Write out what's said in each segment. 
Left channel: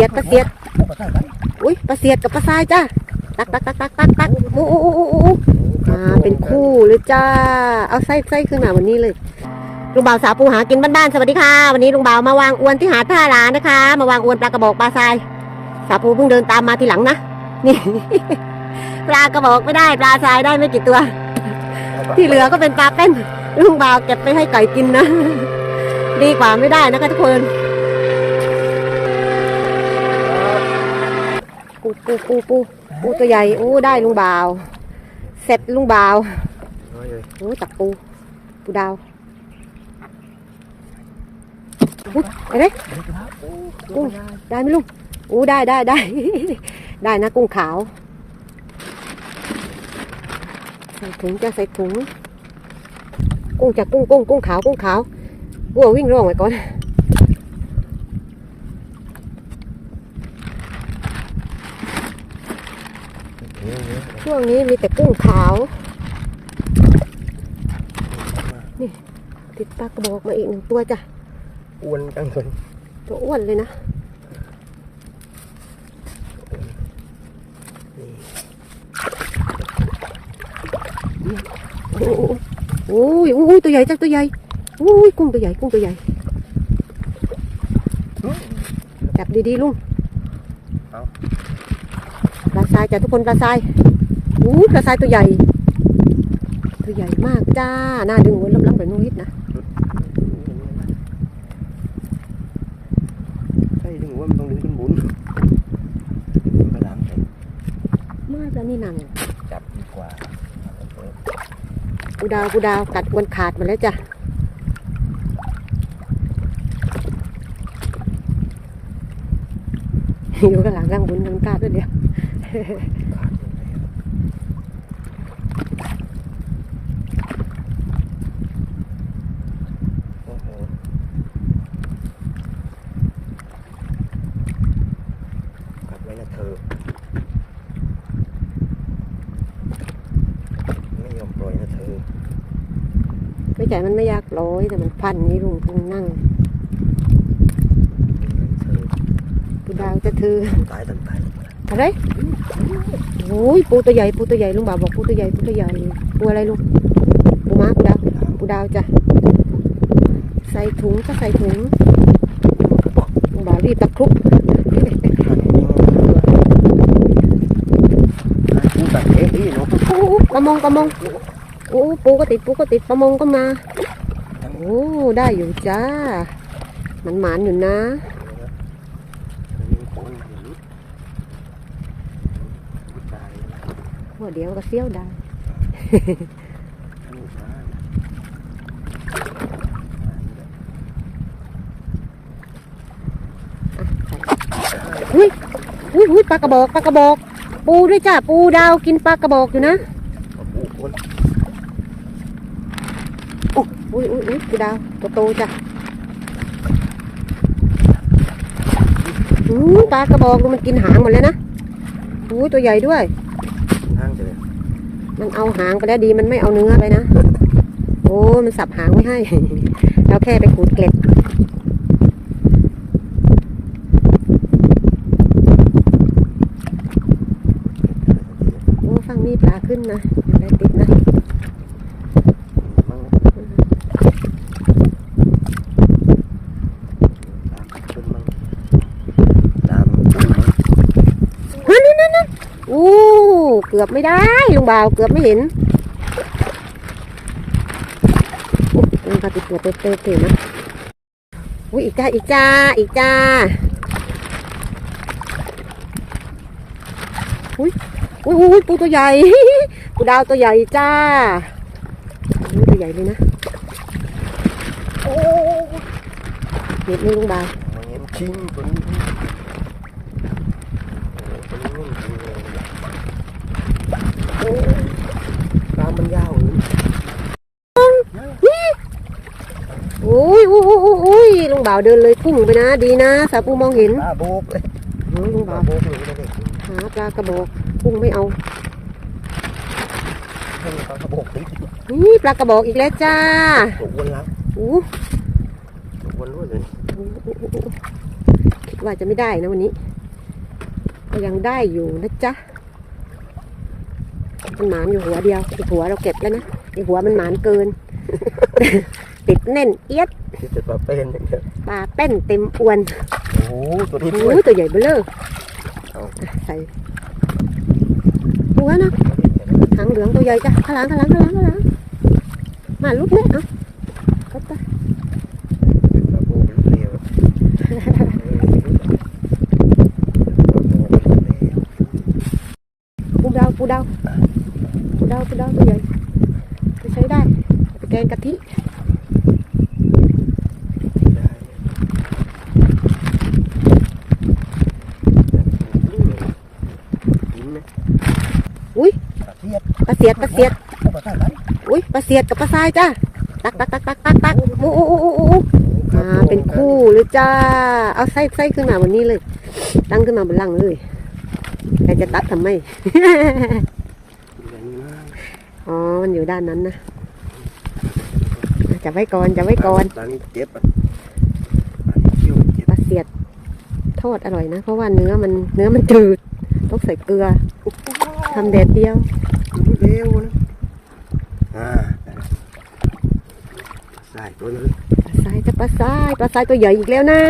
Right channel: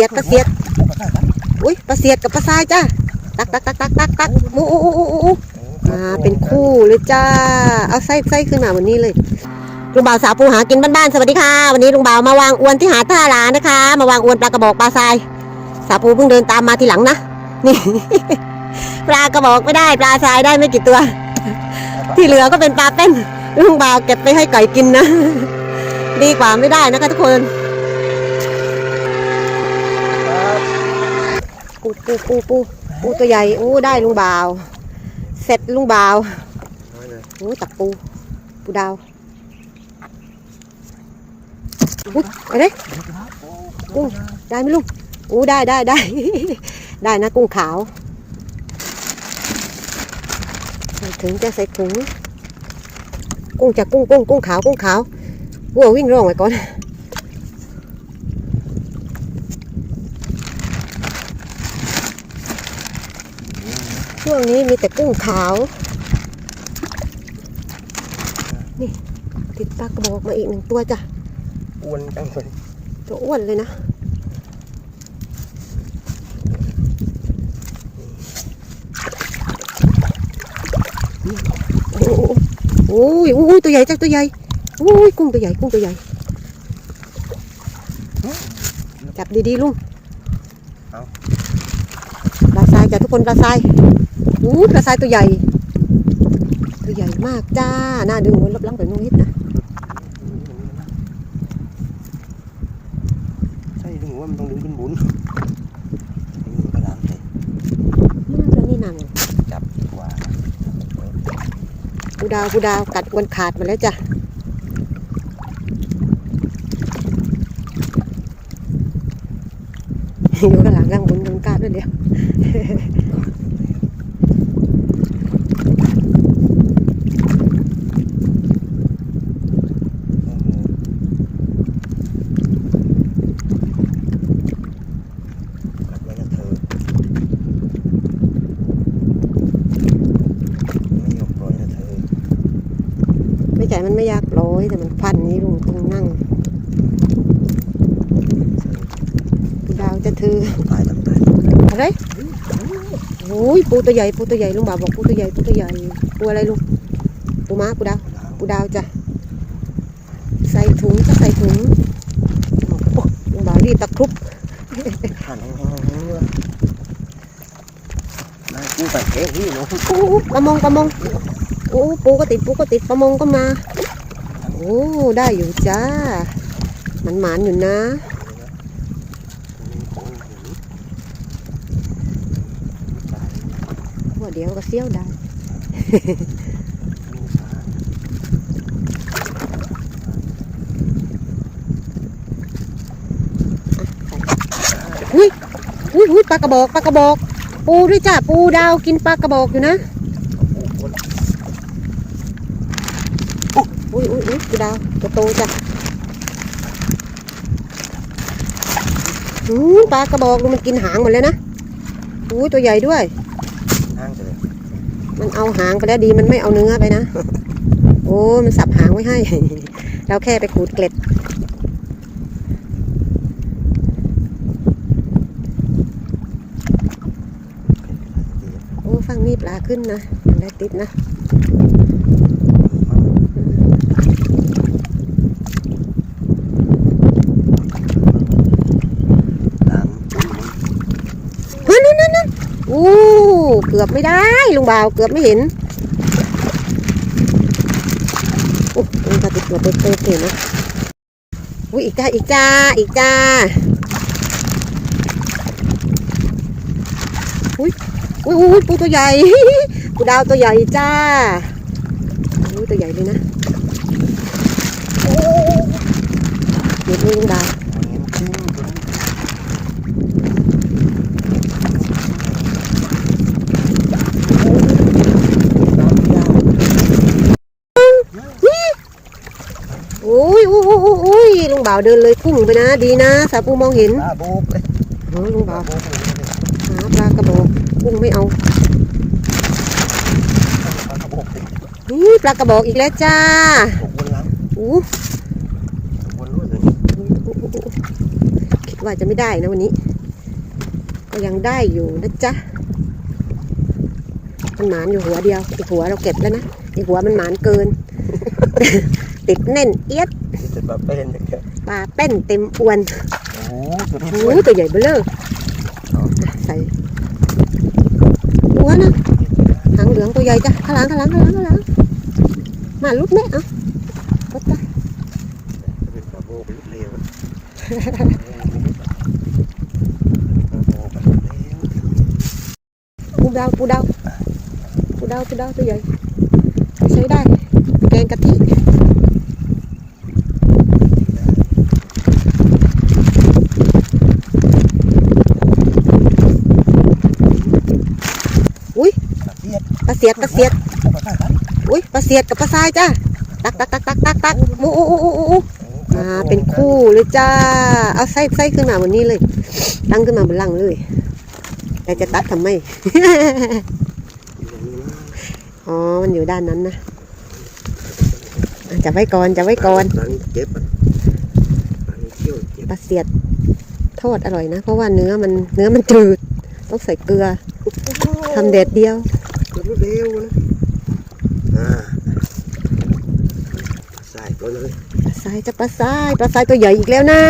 สียดปลาเสียดอุ้ยปลาเสียดกับปลาทรายจ้าตักตักตักตักตักตักโอ้โอ้โอ้โอ้อ้มาเป็นคู่เลยจ้า เอาไส้ไส้ขึ้นมาวันนี้เลยลุงบ่าวสาวปูหากินบ้านๆสวัสดีค่ะ วันนี้ลุงบ่าวมาวางอวนที่หาดท่าลานะคะ มาวางอวนปลากระบอกปลาทรายสาวปูเพิ่งเดินตามมาทีหลังนะนี่ปลากระบอกไม่ได้ปลาทรายได้ไม่กี่ตัว ที่เหลือก็เป็นปลาเต้นลุงบ่าวเก็บไปให้ไก่กินนะ ดีกว่าไม่ได้นะคะทุกคน ปูปูปูปูปูตัวใหญ่อู้ได้ลุงบ่าว เสร็จลุงบ่าวโอ้ตักปู ปูดาวอุ๊ยอะไรกุ้งได้ไหมลุงอู้ได้ได้ได้ ได้นะกุ้งขาว ใส่ถุงจะใส่ถุง กุ้งจะกุ้งกุ้งกุ้งขาวกุ้งขาววัววิ่งร่องไว้ก่อน ช่วงนี้มีแต่กุ้งขาว นี่ ติดปลากระบอกมาอีกหนึ่งตัวจ้ะ อ้วนจังเลยตัวอ้วนเลยนะโอ้ยโอ้ยตัวใหญ่จ้ะตัวใหญ่โอ้ยกุ้งตัวใหญ่กุ้งตัวใหญ่จับดีๆลุงปลาทรายจ้ะทุกคนปลาทรายโอ้ยปลาทรายตัวใหญ่ ตัวใหญ่มากจ้า น่าดึงหัวลับๆแบบนู้นนิดนะใช่ดึงว่ามันต้องดึงขึ้นบุญดึงกระดังใส่มากแล้วนี่นางจับดีกว่าปูดาวปูดาวกัดอวนขาดมาแล้วจ้ะอยู่กันหลังร่างบุญกันกาดด้วยเดียว โอ้โหกัดไว้นะเธอ ไม่ยอมปล่อยนะเธอ ไม่ ใช่มันไม่ยากร้อยแต่มันพันนี้ลุงต้องนั่งเธอปูดาวจะถือตายตั้งแต่อะไรโอ้ยปูตัวใหญ่ปูตัวใหญ่ลุงบ่าวบอกปูตัวใหญ่ปูตัวใหญ่ปูอะไรลุงปูม้าปูดาวปูดาวจ้ะใส่ถุงก็ใส่ถุงลุงบ่าวรีบตะครุบหันนี่เลยกูตัดเองนี่เนาะโอ้ปลามงปลามง โอ้ปูก็ติดปูก็ติดปลามงก็มา โอ้ได้อยู่จ้ามันหมานอยู่นะว่าเดี๋ยวก็เสี้ยวได้อุ้ยอุ้ยอุ้ยปลากระบอกปลากระบอก ปูด้วยจ้าปูดาวกินปลากระบอกอยู่นะ อุ้ยอุ้ยอุ้ยปูดาวตัวโตจ้ะอืมปลากระบอกดูมันกินหางหมดเลยนะอุ้ยตัวใหญ่ด้วยนั่งไปเลยมันเอาหางไปแล้วดีมันไม่เอาเนื้อไปนะ โอ้มันสับหางไว้ให้ เราแค่ไปขูดเกล็ดโอ้ฟังนี่ปลาขึ้นนะได้ติดนะ ตาม นั่นนั่นนั่นนั่นโอ้ เกือบไม่ได้ลุงบ่าวเกือบไม่เห็นโอ้ลุงก็ติดตัวเป๊ะๆเลยนะอุ้ยอีกจ้าอีกจ้าอีกจ้าอุ้ยอุ้ยอุ้ยปูตัวใหญ่ปูดาวตัวใหญ่จ้าอุ้ยตัวใหญ่เลยนะโอ้เด็ดเลยลุงบ่าว มันเห็นชิ้นบนตามมันยาว โอ้ยโอ้ยโอ้ยโอ้ยโอ้ยลุง บ่าวเดินเลยพุ่งไปนะ ดีนะสาปูมองเห็นตาโบกเลยโอ้ยลุงตาบ่าวโบกเลยก็ได้หาปลากระบอกกุ้งไม่เอาตากระโบกติดนี่ปลากระบอกอีกแล้วจ้าตกวนหลังอู้ตกวนรวดเลยอู้อู้อู้อู้ว่าจะไม่ได้นะวันนี้ ก็ยังได้อยู่นะจ๊ะมันหมานอยู่หัวเดียวอีกหัวเราเก็บแล้วนะอีกหัวมันหมานเกิน ติดแน่นเอียด ที่จะปลาเป็นเนี่ย ปลาเป้นเต็มอวนโอ้โหตัวที่โอ้ด้วยยตัวใหญ่เบ้อเลยใส่ตัวนะหางเหลืองตัวใหญ่จ้ะข้างหลังข้างหลังข้างหลังข้างหลังมาลุกเนี่ยเอาลุกไปปลาโบเป็นเรียวปลาโบเป็นเรียวปูดาวปูดาวปูดาวปูดาวตัวใหญ่ใช้ได้แกงกะทิ ได้ อุ้ย ป ลาเทียบปลาเสียดปลาเสียดอุ้ยปลาเสียดกับปลาทรายจ้าตักตักตักตักตักตักโอ้โอ้โอ้โอ้มาเป็นคู่เลยจ้า เอาไส้ไส้ขึ้นมาวันนี้เลย ตั้งขึ้นมาบนหลังเลยแต่จะตัดทำไมอ๋อ มันอยู่ด้านนั้นนะจะไว้ก่อนจะไว้ก่อนปลาเสียดทอดอร่อยนะ เพราะว่าเนื้อมันเนื้อมันจืด ต้องใส่เกลือทำแดดเดียว ตัวเร็วนะอ่าใส่ตัวเลยปลาทรายจะปลาทรายปลาทรายตัวใหญ่อีกแล้วนะ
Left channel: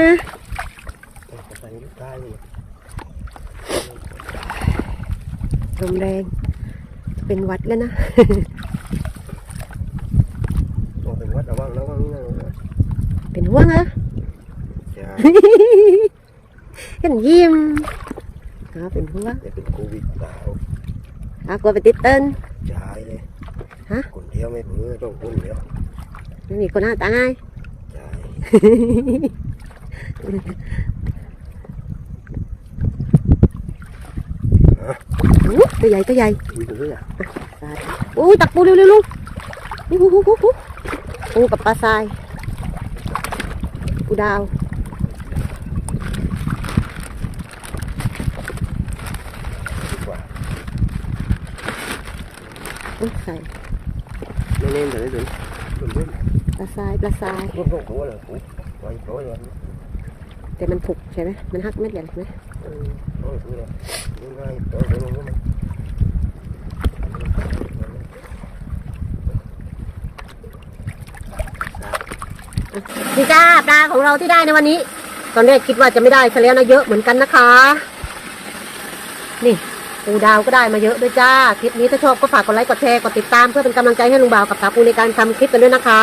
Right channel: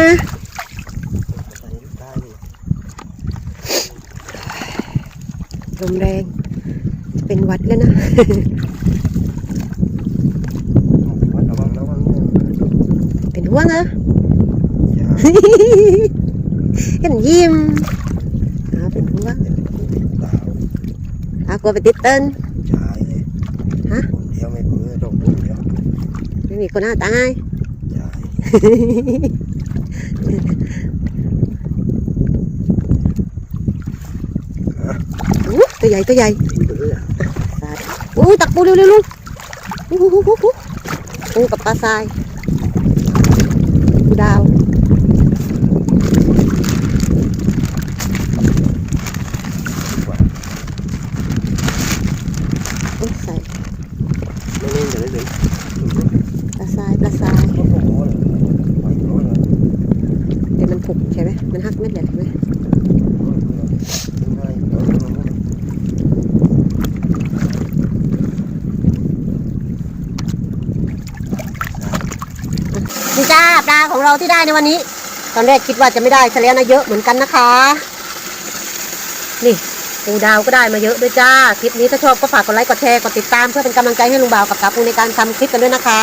ใส่ได้เลยลมแรงเป็นหวัดแล้วนะต้องเป็นวัดระวังระวังนะเป็นห่วงเหรออย่าเห็นยิ้มเอาเป็นห่วง เป็นกูเปล่าเอากลัวไปติดเติ้นใช่ฮะคนเดียวไม่เพื่อต้องคนเดียวไม่มีคนหน้าตายใช่อู้ตัวใหญ่ตัวใหญ่กินไปเรื่อยอู้ตักปูเร็วๆลูกอู้หูหูหูหูปูกับปลาทรายปูดาว ดีกว่า โอ้ยใส่ ไม่เน้นแต่ได้เลยรถ ปลา ทรายปลาทรายรถลงหัวเลยไว้ร้อยเลยแต่มันผุกใช่ไหมมันหักเม็ดใหญ่ใช่ไหมร้อยเลยง่ายร้อยลงหัวนี่จ้าปลาของเราที่ได้ในวันนี้ ตอนแรกคิดว่าจะไม่ได้ซะแล้วนะเยอะเหมือนกันนะคะ นี่ปูดาวก็ได้มาเยอะด้วยจ้า คลิปนี้ถ้าชอบก็ฝากกดไลค์กดแชร์กดติดตามเพื่อเป็นกำลังใจให้ลุงบ่าวกับสาวปูในการทำคลิปกันด้วยนะคะ